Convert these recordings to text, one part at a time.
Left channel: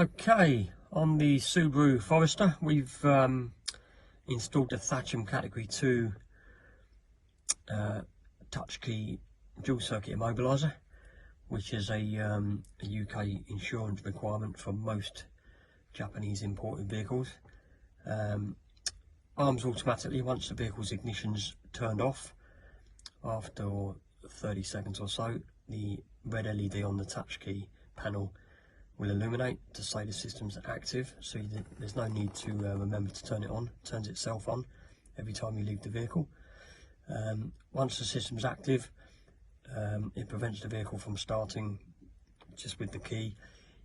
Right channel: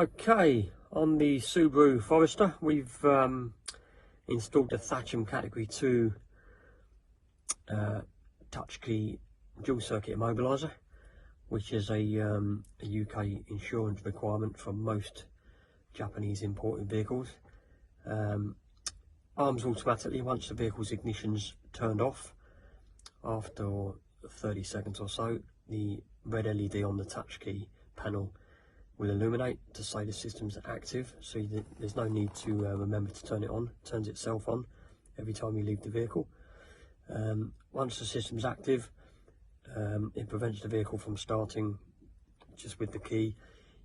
Okay, on the Subaru Forrester, we've installed the Thatcham Category 2 touch key dual circuit immobiliser, which is a UK insurance requirement for most Japanese imported vehicles. Arms automatically once the vehicle's ignition's turned off. After 30 seconds or so, the red LED on the touch key panel will illuminate to say the system's active, so there's no need to remember to turn it on. It turns itself on every time you leave the vehicle. Once the system's active, it prevents the vehicle from starting just with the key.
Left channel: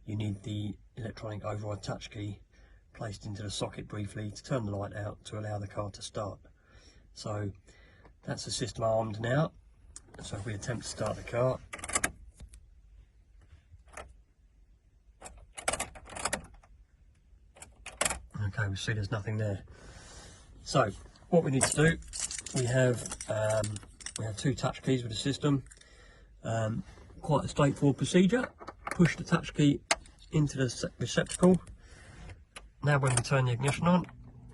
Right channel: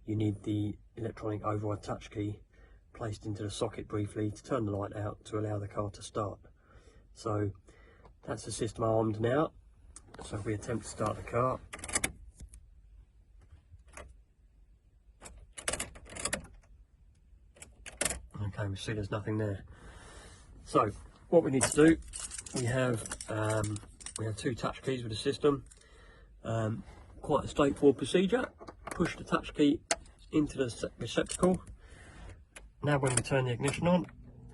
You need the electronic override touch key placed into the socket briefly to turn the light out to allow the car to start. So that's the system armed now. So if we attempt to start the car, okay, we see there's nothing there. So what we need to do, we have two touch keys with the system. Quite a straightforward procedure. Push the touch key into the receptacle. Now when we turn the ignition on,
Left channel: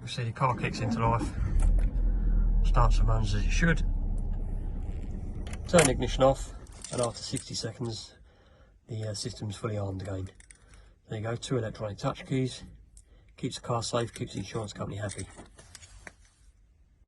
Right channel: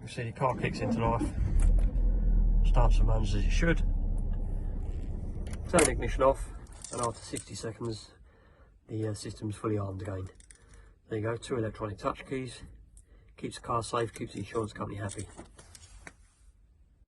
we see the car kicks into life, starts and runs as it should. Turn the ignition off, and after 60 seconds the system's fully armed again. There you go, two electronic touch keys. Keeps the car safe, keeps the insurance company happy.